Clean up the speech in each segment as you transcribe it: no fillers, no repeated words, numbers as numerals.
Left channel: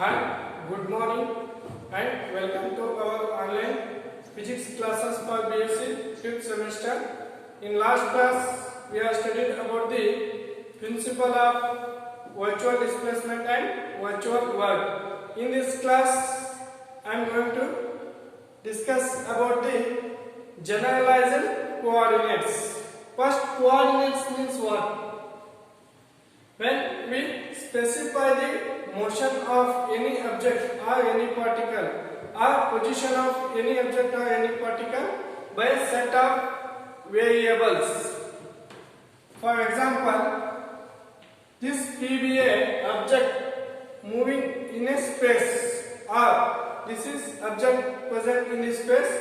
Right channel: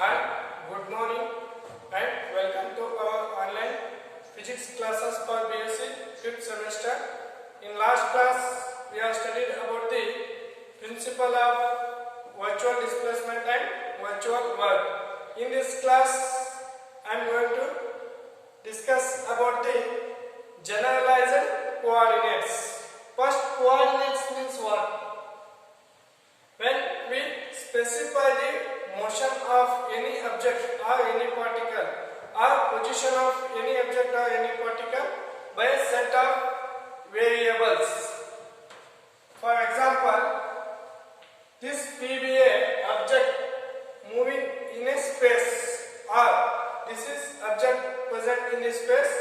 Hi, good morning and welcome to our online physics classes for BSc 5th semester. In last class, we have studied about the principle of virtual displacement and virtual work. In this class, I am going to discuss about the generalized coordinates. First, coordinates means what? When we specify the motion of any object or any particle or position of any object or any particle by a set of variables. For example, this PBA object moving in a space or this is object present in this space.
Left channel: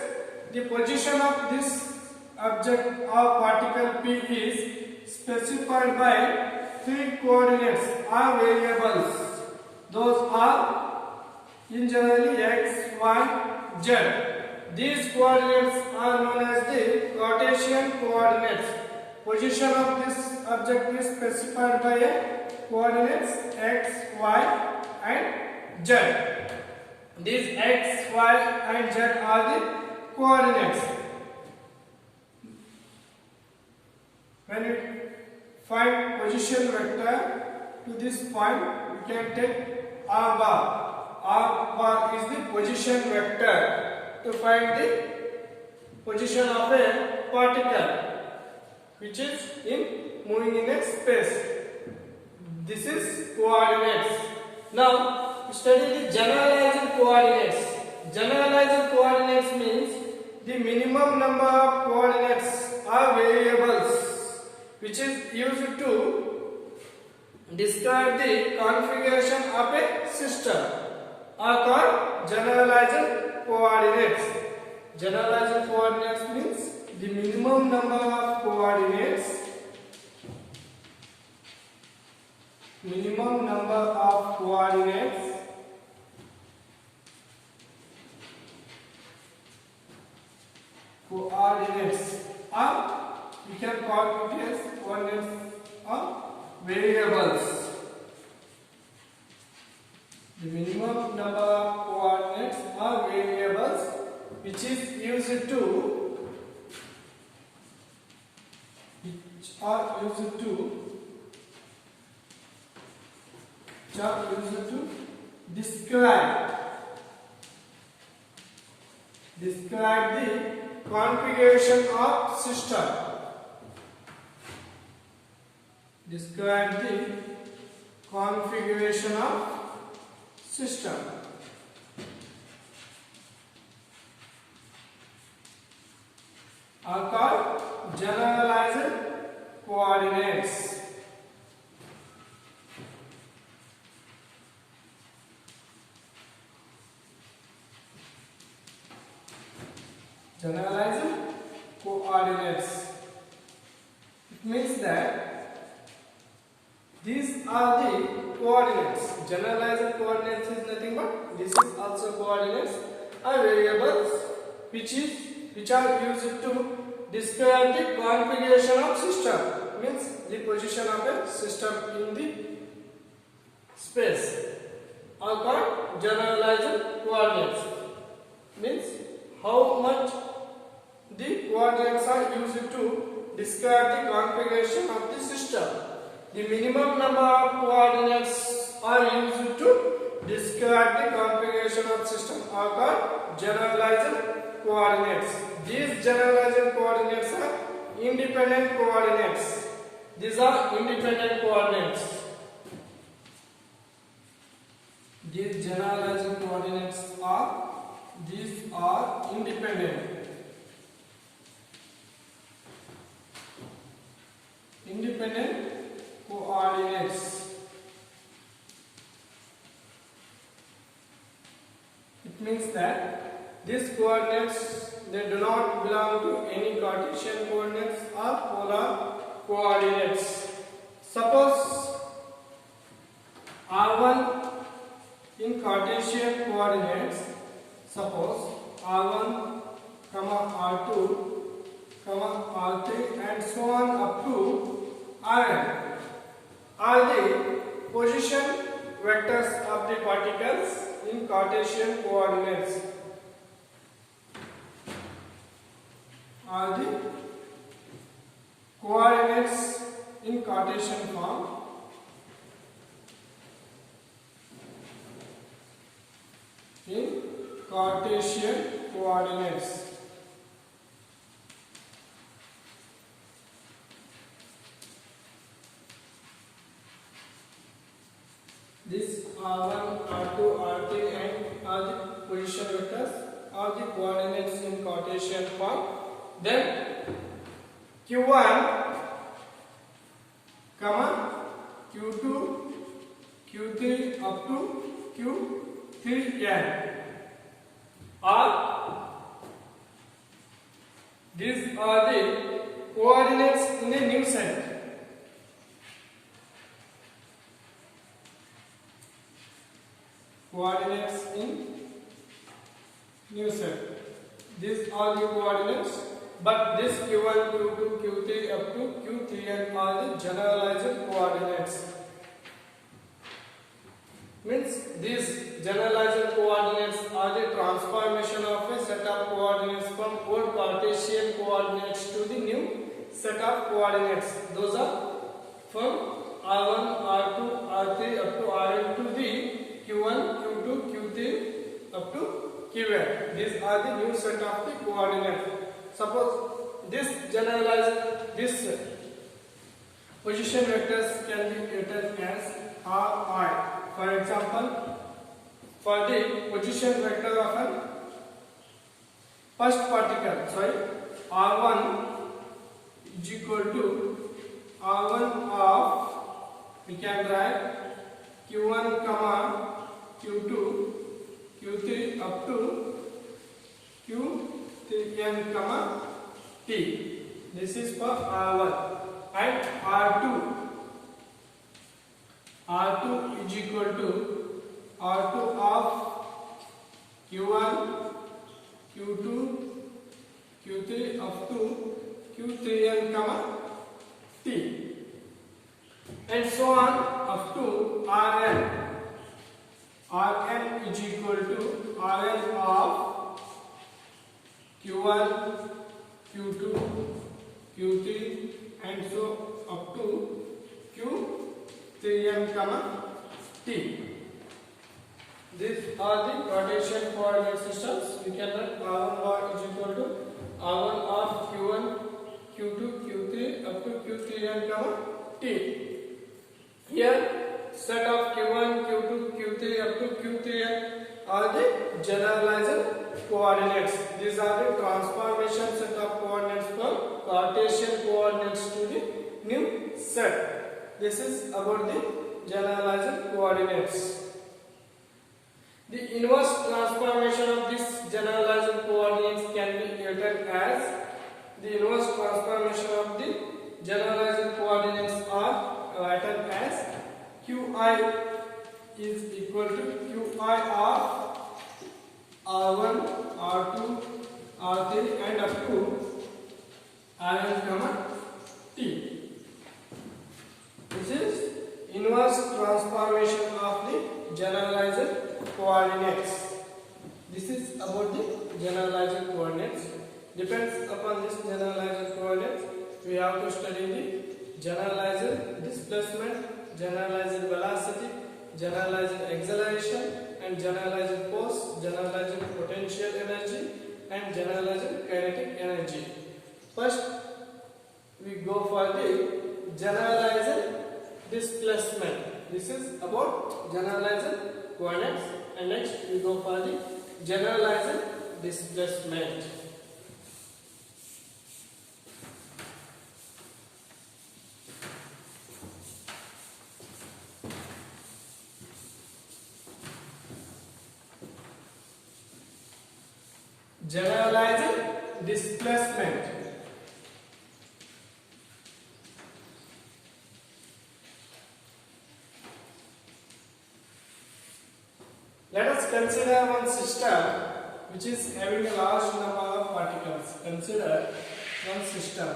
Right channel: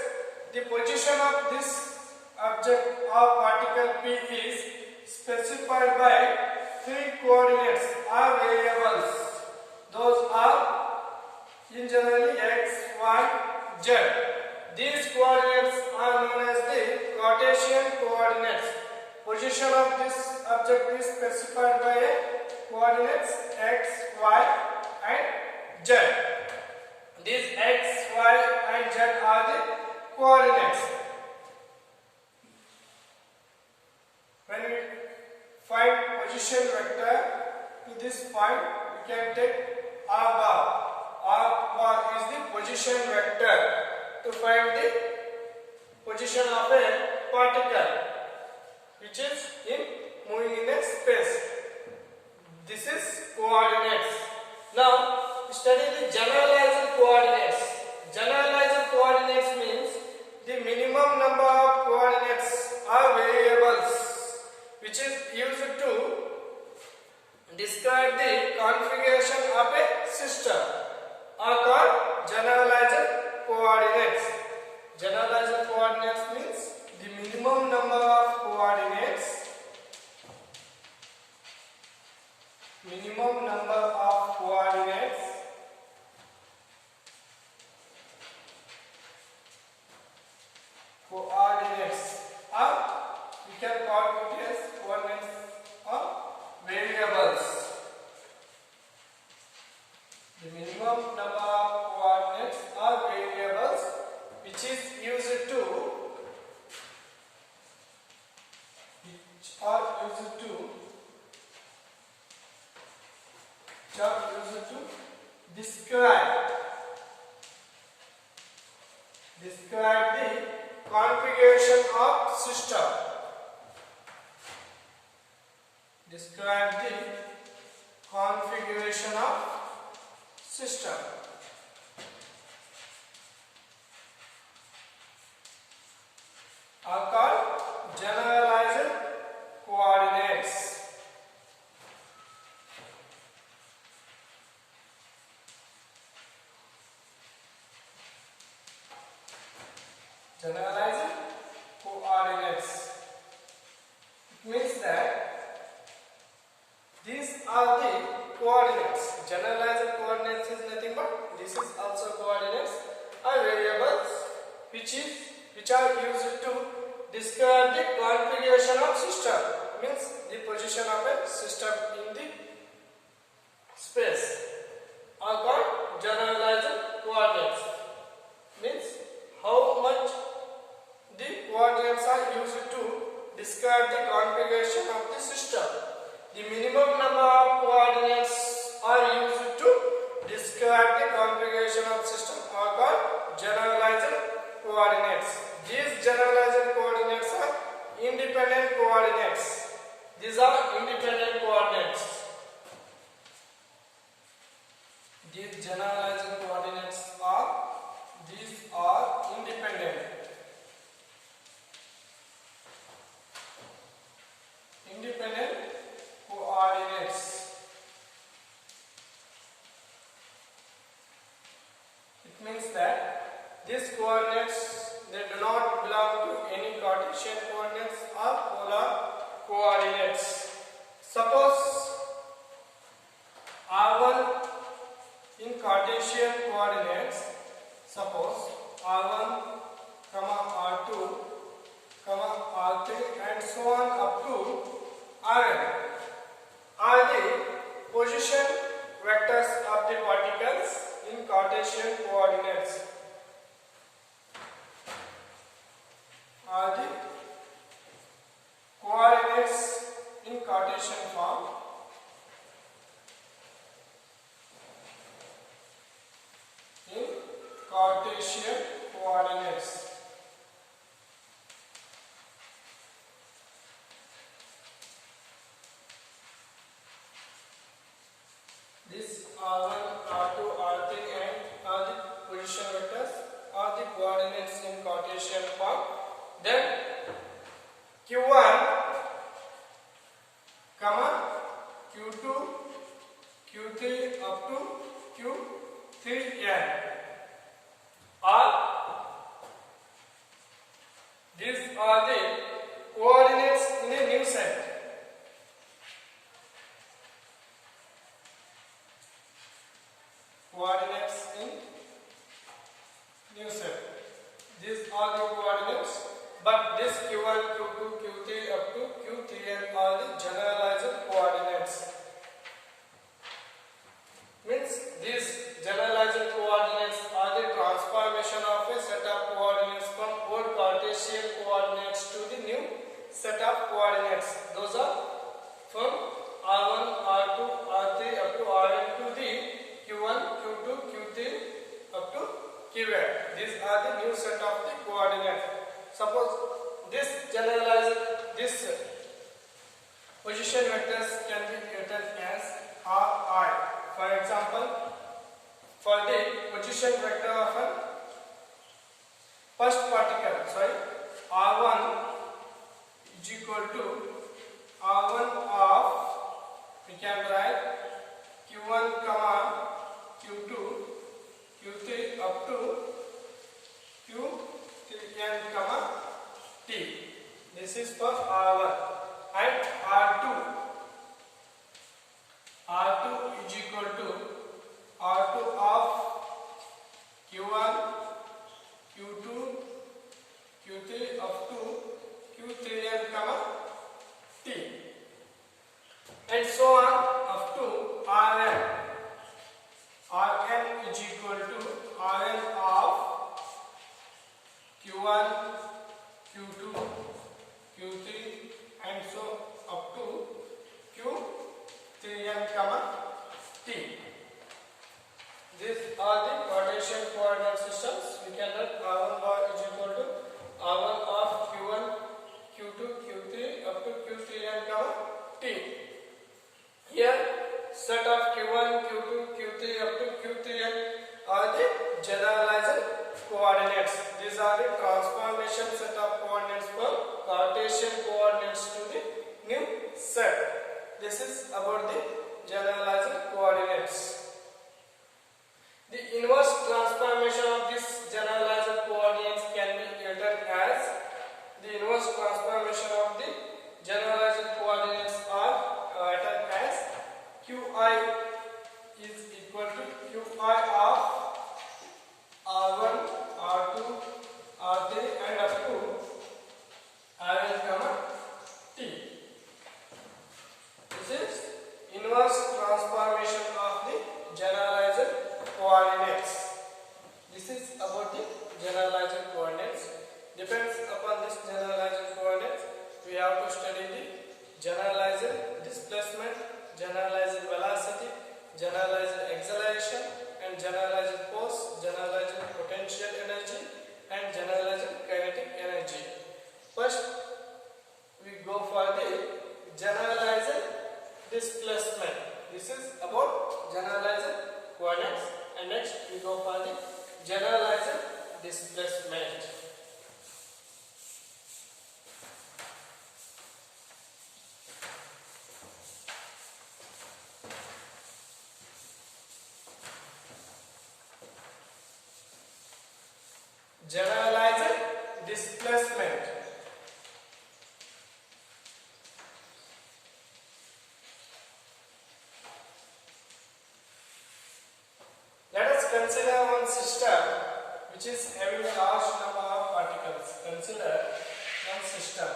The position of this object or particle P is specified by three coordinates or variables. Those are in generally x, y, z. These coordinates are known as the Cartesian coordinates. Position of this object is specified by a coordinates x, y, and z. These x, y, and z are the coordinates. When we find position vector to this point, we can take r bar. R bar is the position vector to find the position of a particle which is moving in a space. This is coordinates. Now study the generalized coordinates. Generalized coordinates means the minimum number of coordinates or variables which is used to describe the configuration of a system are called generalized coordinates. Generalized coordinates means the minimum number of coordinates. Minimum number of coordinates are we can call it as coordinates or variables. The minimum number of coordinates or variables which is used to describe the configuration of system. Describe the configuration of system. Are called generalized coordinates. Generalized coordinates. It means that these are the coordinates. Generalized coordinates is nothing but this is also coordinates or variables which are used to describe the configuration of system. Means the position of a system in the space are called generalized coordinates. Means how much the coordinates are used to describe the configuration of the system. The minimum number of coordinates are used to describe the configuration of system are called generalized coordinates. These generalized coordinates are independent coordinates. These are independent coordinates. These generalized coordinates are independent. Independent coordinates. It means that these coordinates they do not belong to any Cartesian coordinates or polar coordinates. Suppose R1 in Cartesian coordinates. Suppose R1, R2, R3 and so on up to Rn are the position vectors of the particles in Cartesian coordinates are the coordinates in Cartesian form in Cartesian coordinates. This R1, R2, R3 and are the position vectors are the coordinates in Cartesian form. Then Q1, Q2, Q3 up to Q3n these are the coordinates in a new set. Coordinates in new set. These are the coordinates, but this Q1, Q2, Q3 up to Q3n are the generalized coordinates. Means these generalized coordinates are the transformation of a set of coordinates from old Cartesian coordinates to the new set of coordinates. Those are from R1, R2, R3 up to Rn to the Q1, Q2, Q3 up to Qn. These are the new set of the coordinates. Suppose this position vectors can be written as Ri. For example, for the position vector of an first particle, R1 is equal to R1 of, we can write Q1, Q2, Q3 up to Q3n, T. This is for R1. And R2 is equal to R2 of Q1, Q2, Q3 up to Q3n, T. And so on up to Rn. Rn is equal to Rn of Q1, Q2, Q3 and so up to Q3n, T. These are the Cartesian coordinate systems. We can write R1 bar is equal to R1 of Q1, Q2, Q3 up to Q3n, T. Here set of Q1, Q2, Q3 up to Q3n are the generalized coordinates. These are the transformation set of coordinates from Cartesian coordinates to the new set. This is about the generalized coordinates. The inverse transformation of this generalized coordinates can be written as the inverse transformation of the generalized coordinates are written as Qi is equal to Qi of R1, R2, R3 and up to Rn, T. This is inverse transformation of the generalized coordinates. This is about the generalized coordinates. Depends upon this generalized coordinates, we have to study the generalized displacement, generalized velocity, generalized acceleration and generalized force, generalized potential energy and generalized kinetic energy. First we go for the generalized displacement. This is about generalized coordinates and next we go for the generalized displacement. Generalized displacement. Let us consider one system which is having a large number of particles. Consider one system.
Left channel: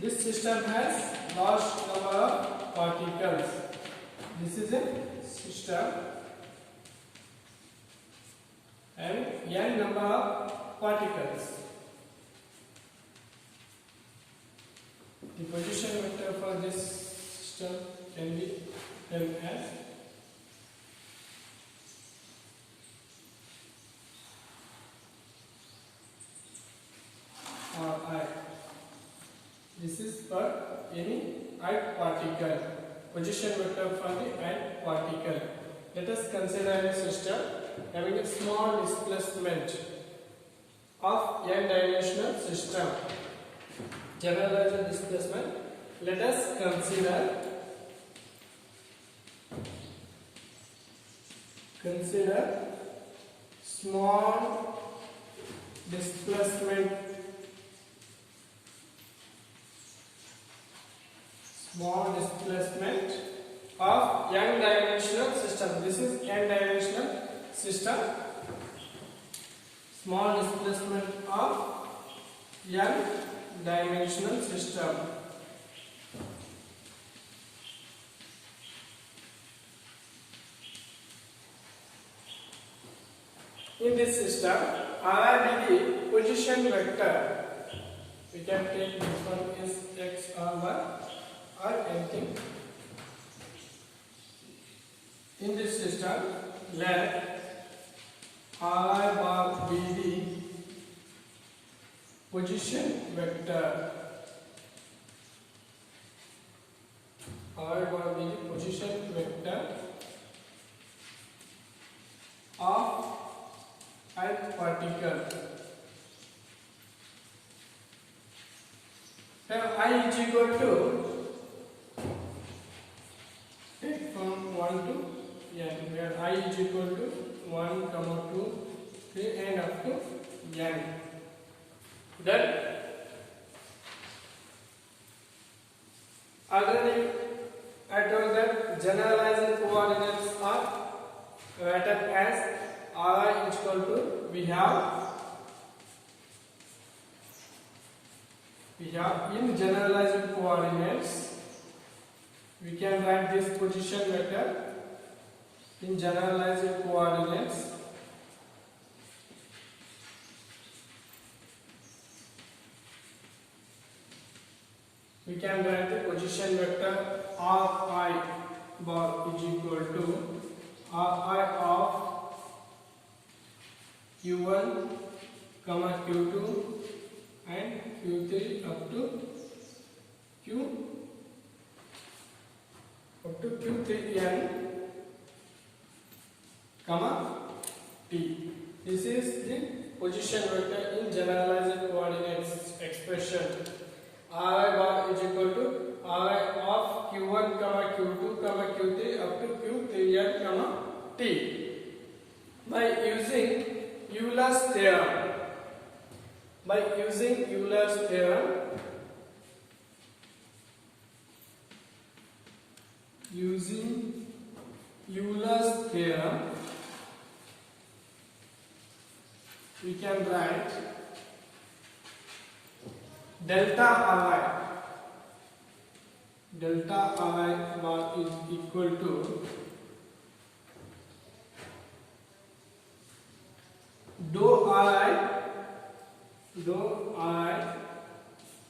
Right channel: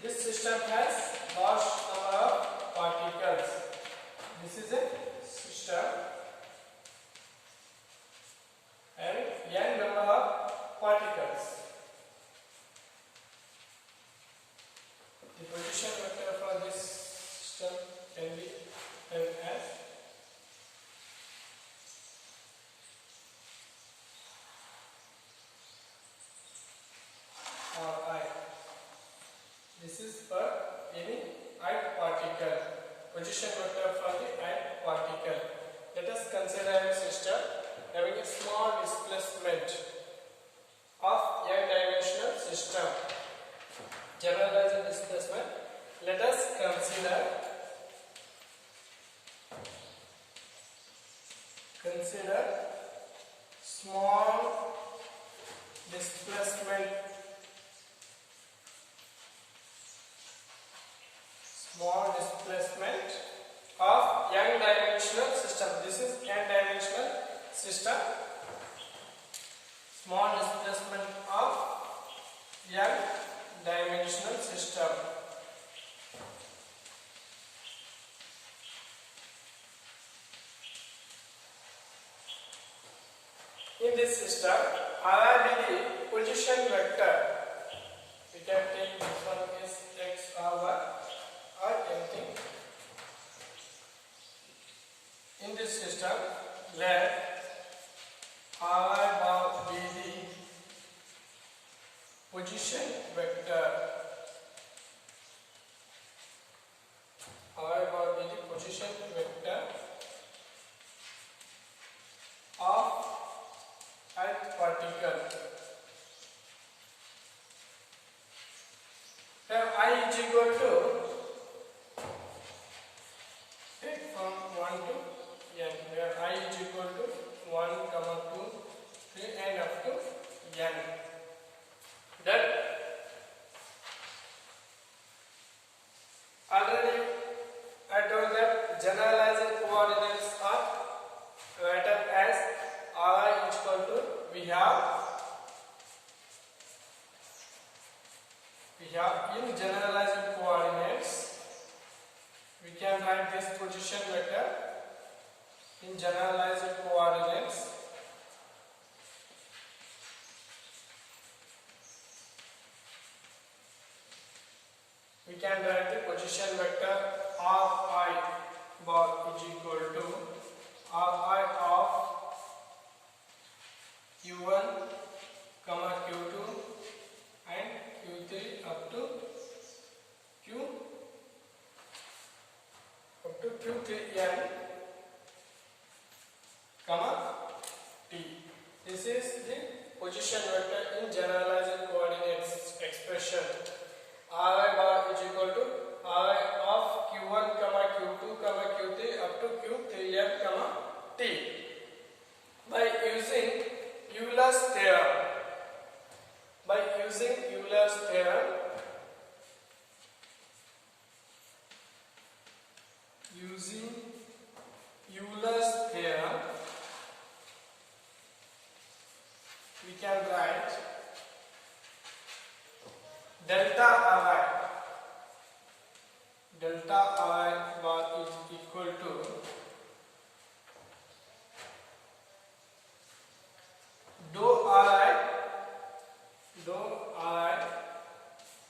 This system has large number of particles. This is a system and n number of particles. The position vector for this system can be written as I. This is for any ith particle. Position vector for the ith particle. Let us consider a system having a small displacement of n-dimensional system. Generalized displacement. Let us consider small displacement of n-dimensional system. This is n-dimensional system. Small displacement of n-dimensional system. In this system, R will be the position vector. We can take this one is x or y or anything. In this system, where R bar be the position vector. R bar be the position vector of ith particle. Now I is equal to, take from 1 to n, where I is equal to 1, 2, 3 and up to n. Then already I told that generalized coordinates are written as Ri is equal to, we have in generalized coordinates, we can write this position vector in generalized coordinates. We can write the position vector Ri bar is equal to Ri of Q1, Q2 and Q3 up to Q3n, T. This is the position vector in generalized coordinates expression. Ri bar is equal to Ri of Q1, Q2, Q3 up to Q3n, T. By using Euler's theorem, we can write delta I bar is equal to dou I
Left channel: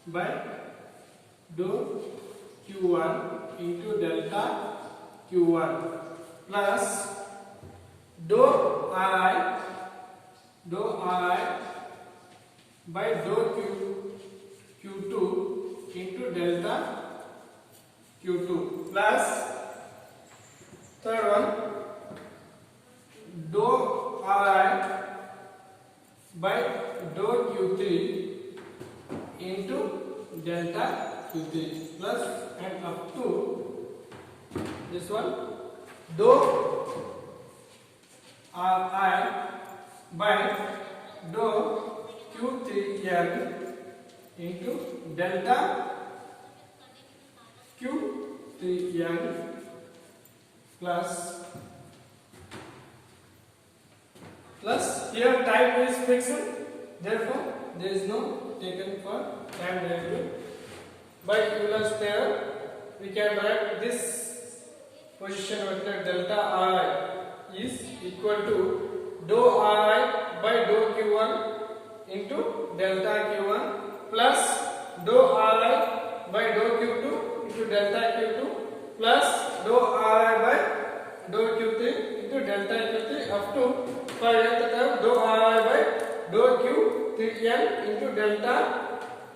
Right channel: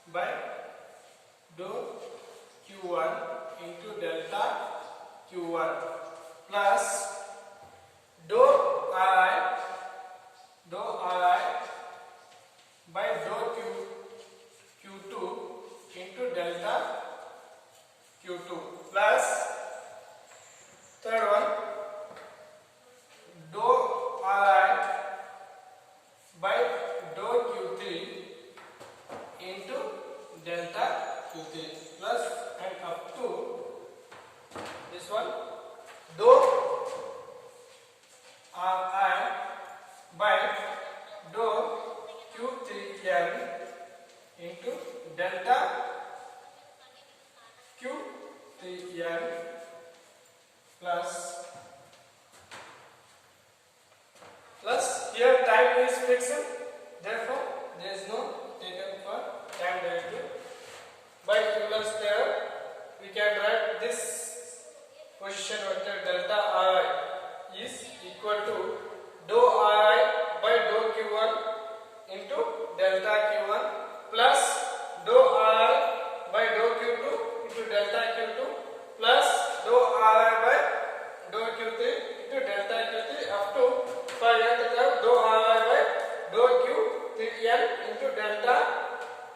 by dou Q1 into delta Q1 plus dou I by dou Q2 into delta Q2 plus third one dou I by dou Q3 into delta Q3 plus and up to this one dou Ri by dou Q3n into delta Q3n plus here time is fixed, therefore there is no taken for time derivative. By Euler's theorem we can write this position equal to dou I by dou Q1 into delta Q1 plus dou I by dou Q2 into delta Q2 plus dou I by dou Q3 into delta Q3 up to finally dou I by dou Q3n into delta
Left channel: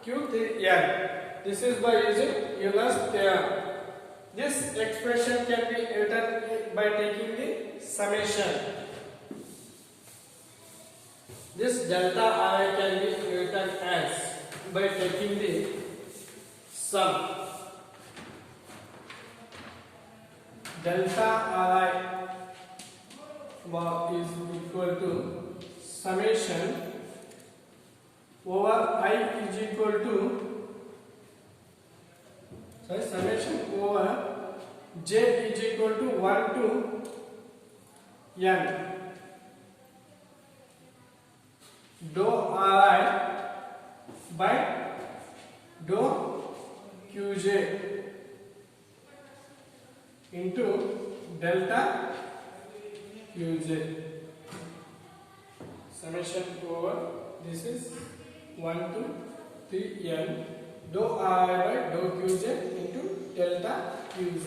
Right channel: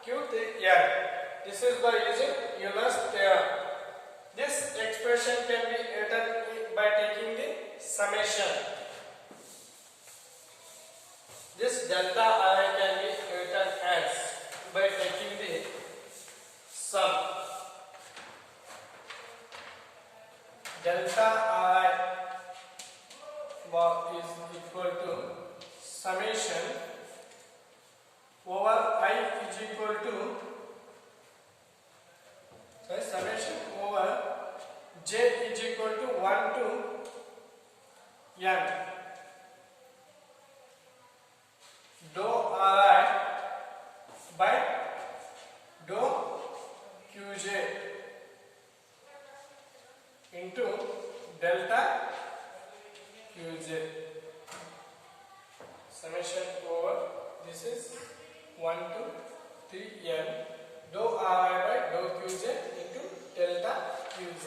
Q3n. This is by using Euler's theorem. This expression can be written by taking the summation. This delta I can be written as by taking the sum. Delta I is equal to summation over I is equal to summation over j is equal to 1 to n dou I by dou Qj into delta Qj. Summation over this is 1 to 3n dou I by dou Qj into delta Qj.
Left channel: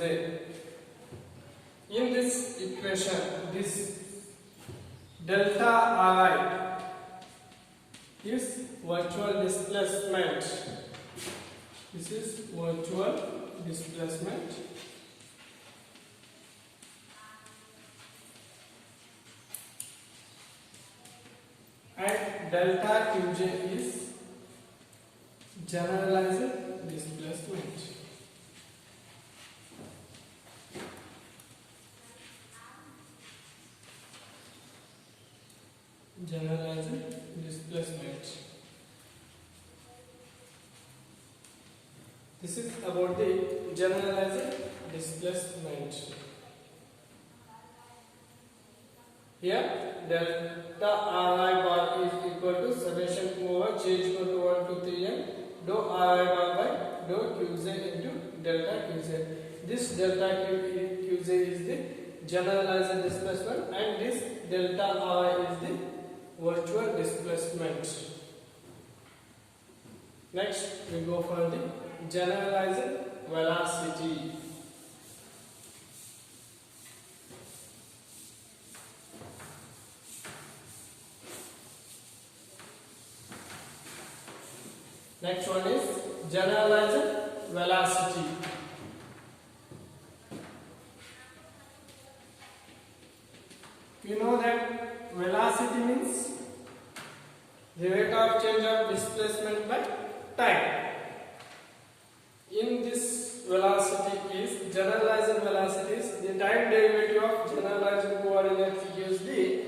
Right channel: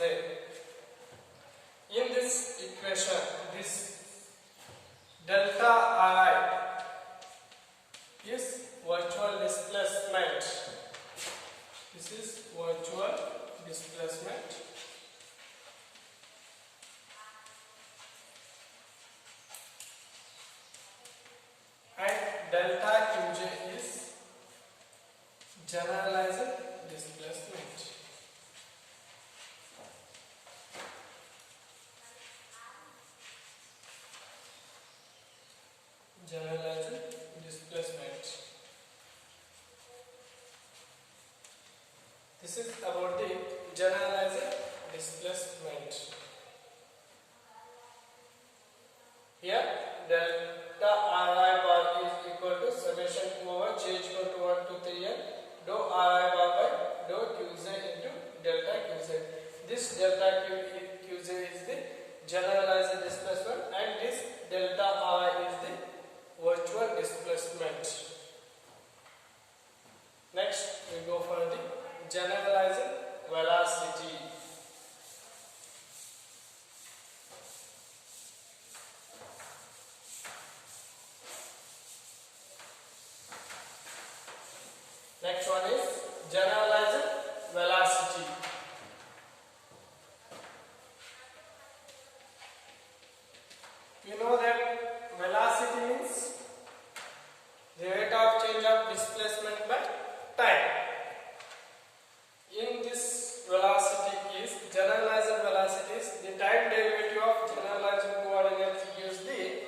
In this equation, this delta I is virtual displacement. This is virtual displacement. And delta Qj is generalized displacement. Generalized displacement. This is about the generalized displacement. Here delta I bar is equal to summation over j is equal to 1 to 3n dou I bar by dou Qj into delta Qj. This delta Qj is the generalized displacement and this delta I is the virtual displacement. Next we go for the generalized velocity. Next one is generalized velocity. We know that velocity means the rate of change of displacement by time. In this velocity is generalized velocity is the time derivative of generalized coordinates gives the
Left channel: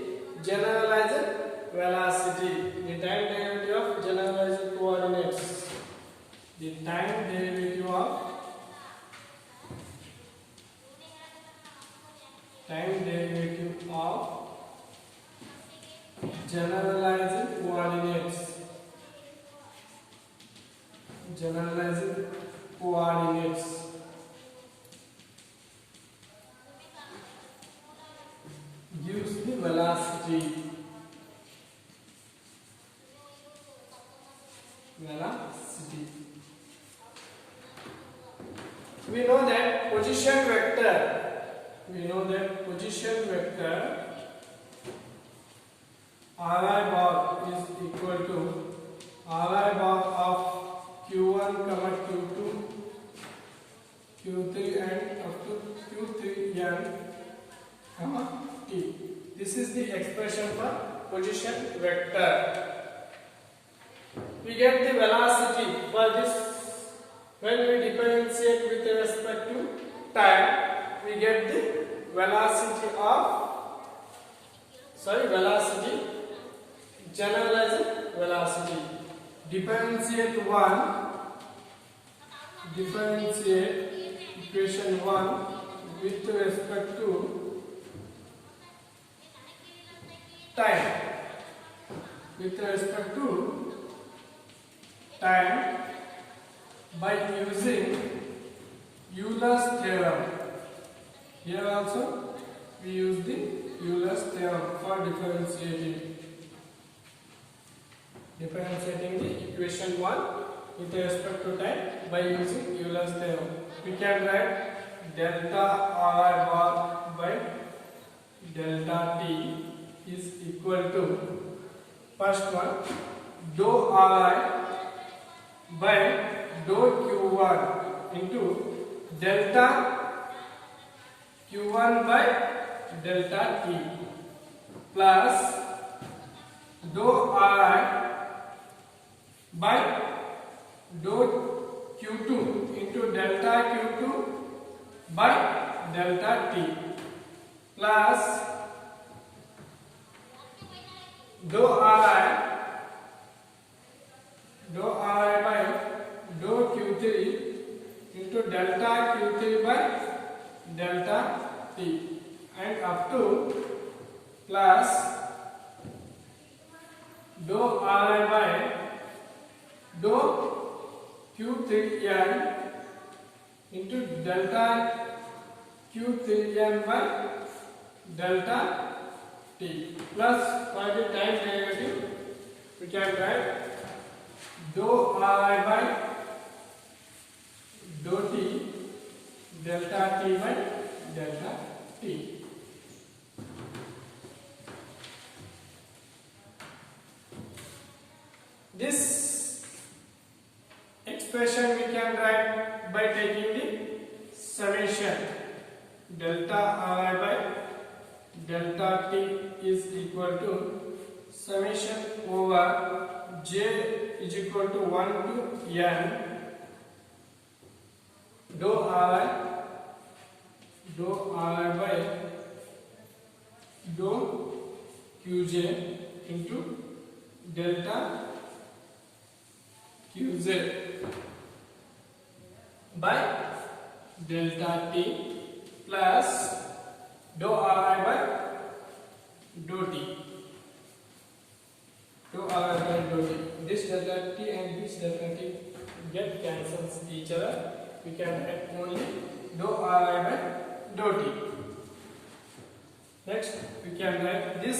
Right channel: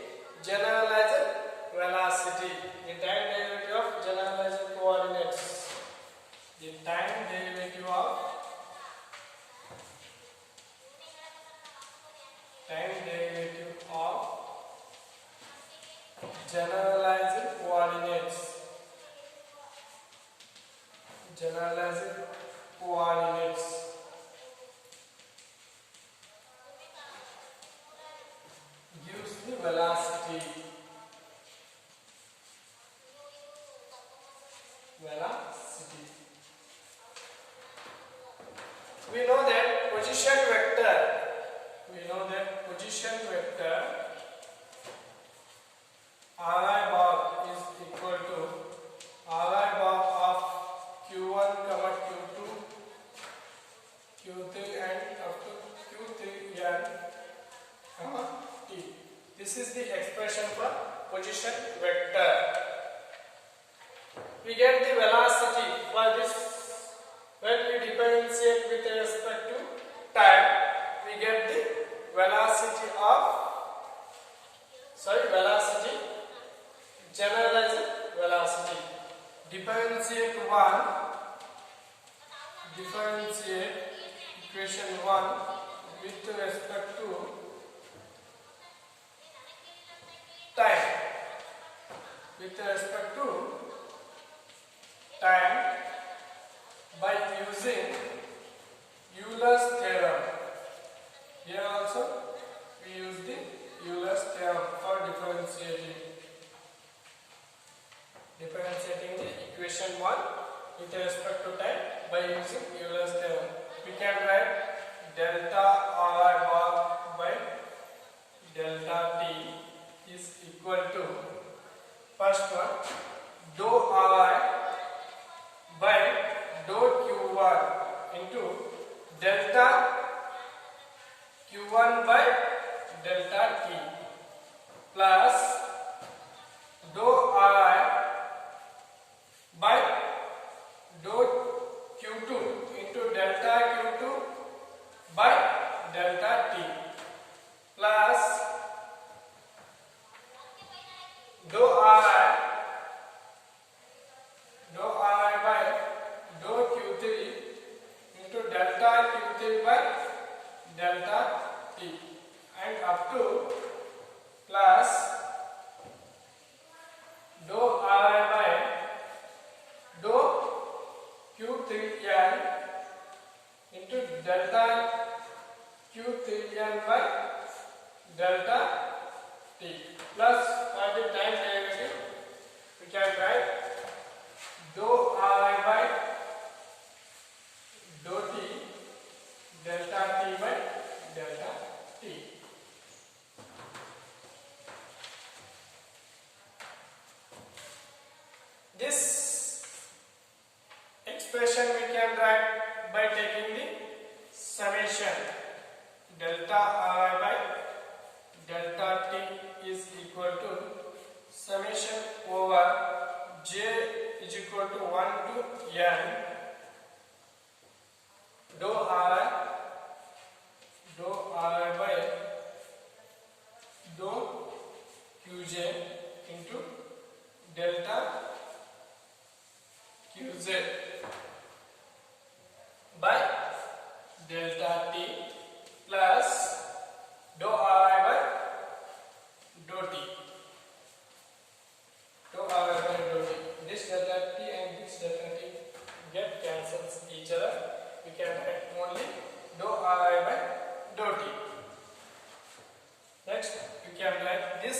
generalized velocity. The time derivative of generalized coordinates. The time derivative of generalized coordinates. Generalized coordinates gives the velocity. We know that position vector. Ri bar is equal to Ri bar of Q1, Q2, Q3 and up to Q3n, T. This is the expression for position vector. We get the velocity for this when we differentiate with respect to time. We get the velocity generalized velocity. Differentiate equation 1 with respect to time. By using Euler's theorem. Here also we use the Euler's theorem for differentiating the equation 1 with respect to time by using Euler's theorem. We can write delta Ri bar by delta t is equal to, first one, dou Ri by dou q1 into delta q1 by delta t plus dou Ri by dou q2 into delta q2 by delta t plus dou Ri by dou q3 into delta q3 by delta t and up to plus dou Ri by dou q3n into delta q3n by delta t plus, for the time derivative we can write dou Ri by dou t delta t by delta t. This expression we can write by taking the summation delta Ri by delta t is equal to summation over j is equal to 1 to n dou Ri by dou qj into delta qz by delta t plus dou Ri by dou t. This delta t and this delta t get cancels each other. We can write only dou Ri by dou t. Next, we can write this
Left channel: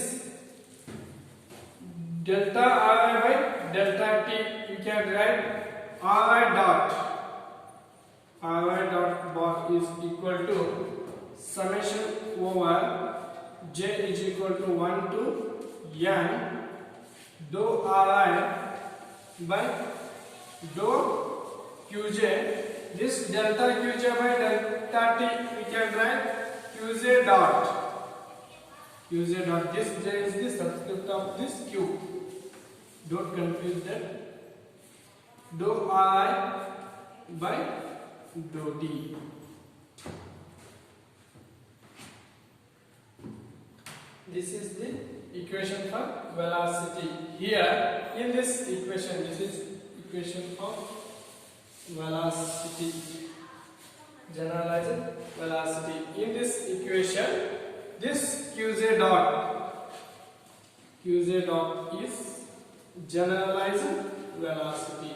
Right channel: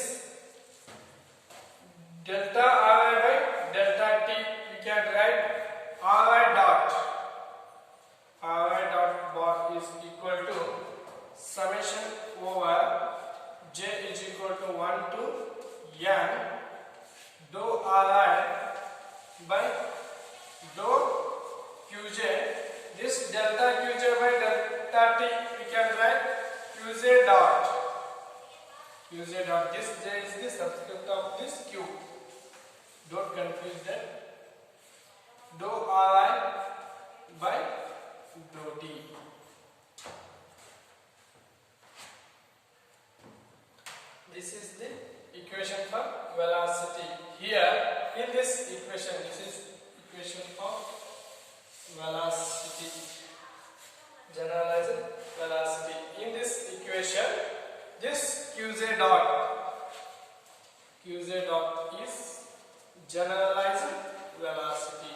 delta Ri by delta t. We can write Ri dot bar is equal to summation over j is equal to 1 to n dou Ri by dou qj. This delta qj by delta t we can write qj dot. This j is the subscript of this q. Don't confuse that. Dou Ri by dou t. This is the equation for velocity. Here in this equation, this is equation of velocity, generalized velocity. In this equation, this qj dot is generalized velocity.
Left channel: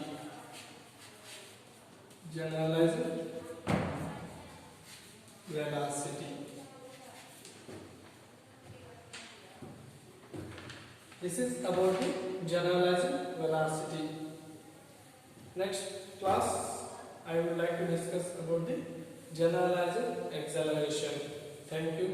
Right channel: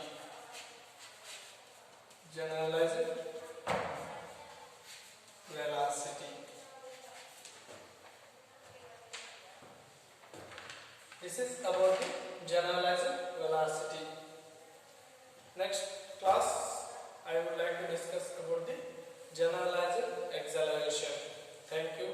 This is about the generalized velocity. Next class, I would like to discuss about the generalized acceleration. Thank you.